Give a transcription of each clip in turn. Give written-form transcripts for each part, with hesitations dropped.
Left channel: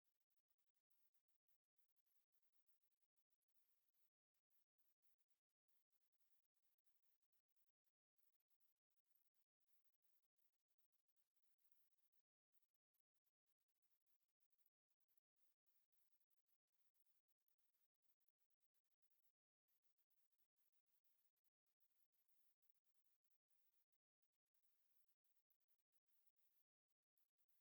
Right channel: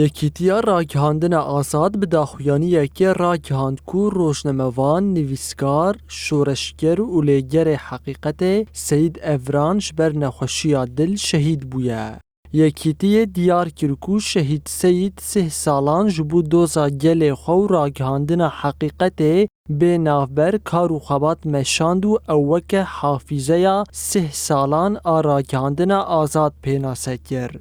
یەکێتیە ڕاگەهاندنە ئازاد bi daxuyaniyekê ragihand ku rojnamevan, nivîskar, şoreşger û lêgerê Heqîqetê Seyid Evran ji ber nexweşiya dil şehîd bûye. Yekîtiyê diyar kir ku Şehîd Seyid 3 salan ji bo doza gelê xwe û ragihandina Heqîqetê bê navber kar û xebat meşand û ew weke hafîzeya 3 salan a ragihandina azad pênase kir.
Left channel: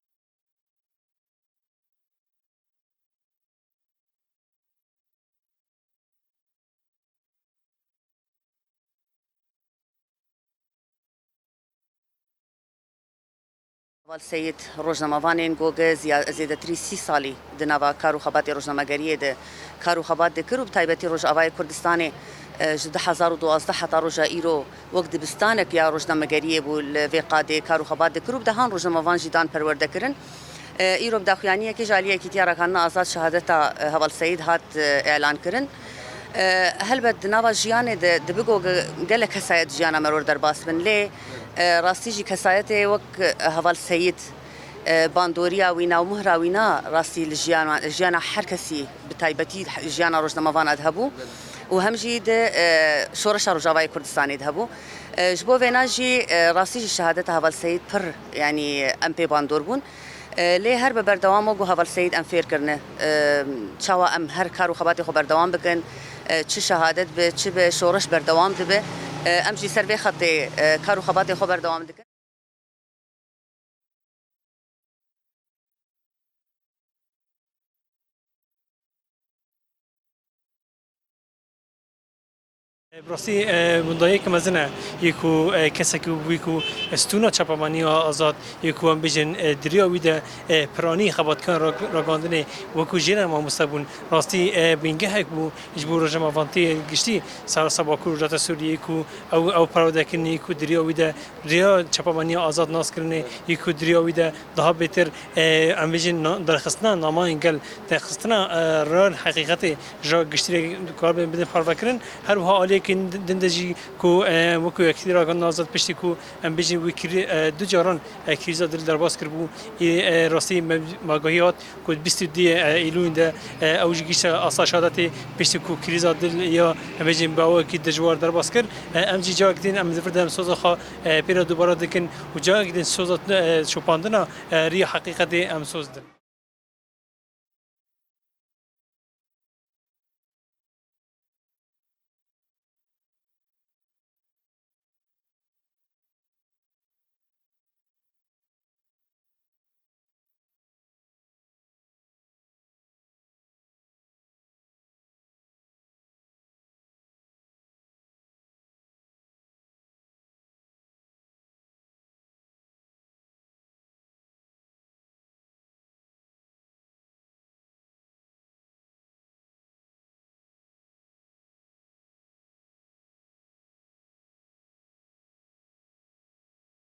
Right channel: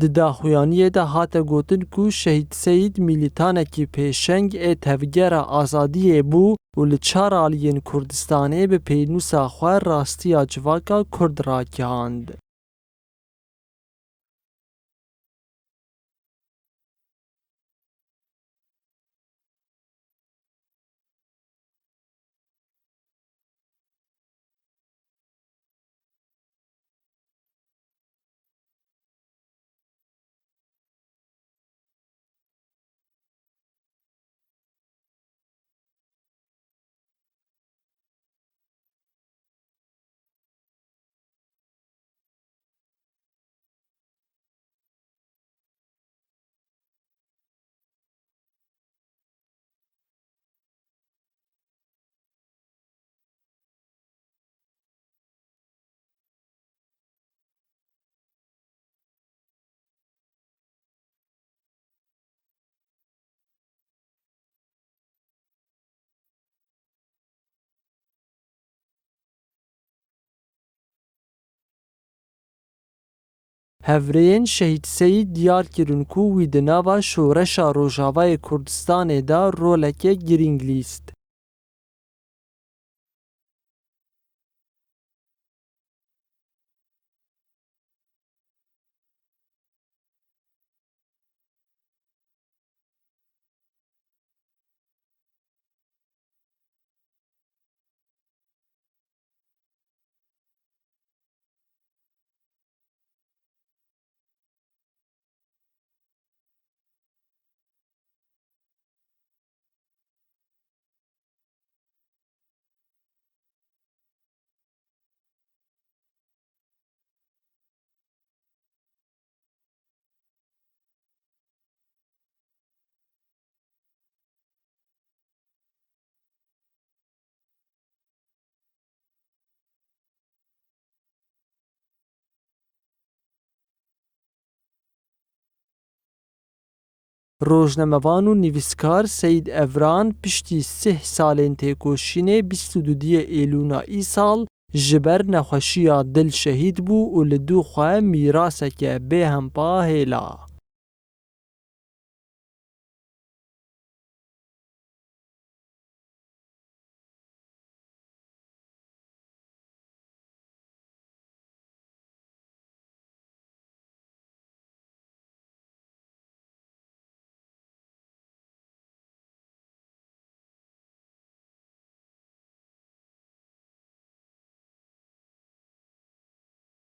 Di daxuyaniyê de hate gotin ku Şehîd Seyid mîlîtanekî pêşeng ê tevgera azadiyê bû û li 4 aliyên Kurdistanê bi pênûsa xwe rastiya civaka Kurd ragihand. سید روزنامه‌وانên گوگه زیاتری 30 سالی di nava kar û xebatê rojnamegeriyê de kar û xebat dikir û bi taybetî Rojavayê Kurdistanê ji 2012 heta roja îro wek dibistanek ya rojnamegeriyê bû li vê qadê kar û xebat dikir û bi dehan rojnamevan jî dan perwerdekirin. Îro bi daxuyaniyekê ji aliyê Yekîtiya Ragihandina Azad şehadeta Heval Seyid hat elan kirin. Helbet di nava jiyanê de dibigo gelek kesayet jiyana me rû derbas bin lê rastî jî kesayetê wek Heval Seyid bandoriya wî na û mihra wî na rastî li jiyana her kesî bi taybetî jiyana rojnamevanan de hebû û hem jî di şoreşa Rojavayê Kurdistanê de hebû. Ji bo vêna jî rastî jî şehadeta Heval Seyid pir yanî em pê bandor bûn. لê her bi berdewama got Heval Seyid em fêr kirine çawa em her kar û xebatê xwe berdewam bikin çi şehadet bi çi bi şoreş berdewam dibe em jî ser vê xetê kar û xebatê xwe berdewam dikin. Hevreyên Şehîd Seyid diyar kirin ku wî di nava şoreşa Rojavayê Kurdistanê de roleke girîng lîst. براستی مندایی که مزنه یکو کسی که ویکو استونا چپمانی آزاد یکو هم بیشن دریا ویده پرانی خباتکان راگاندنه وکو جیران ما مستبون راستی بینگه هک بو اجبور رجم آوانتی گشتی سر سباکو رجات سوریه یکو او پراده کنی یکو دریا ویده دریا چپمانی آزاد ناس کرنه یکو دریا ویده ده بهتر هم بیشن درخستنا ناما انگل درخستنا رال حقیقتی جا گشتی کار بدن پروا کردن هر وها عالی دندجی کو وکو یکی راگان آزاد پشتی کو ام بیشی وکری دو جاران کریزا دل درباز کرد بو راستی ماگاهیات کو 22 ایلون ده اوج گیش آساشادتی پشتی کو کریزا دل یا بیشی باو کی دجوار درباز کرد ام جی جا کدین ام زفردم سوزا خا پیرا دوباره دکن و جا کدین سوزا شوپاندنا ری حقیقت ام سوزدن. Rojnamevan û nivîskar Seyid Evran piştî 3 salên têkoşînê 22 Îlûna îsal ji ber nexweşiya dil şehîd bû û li dû xwe mîraseke bêhempa hêla.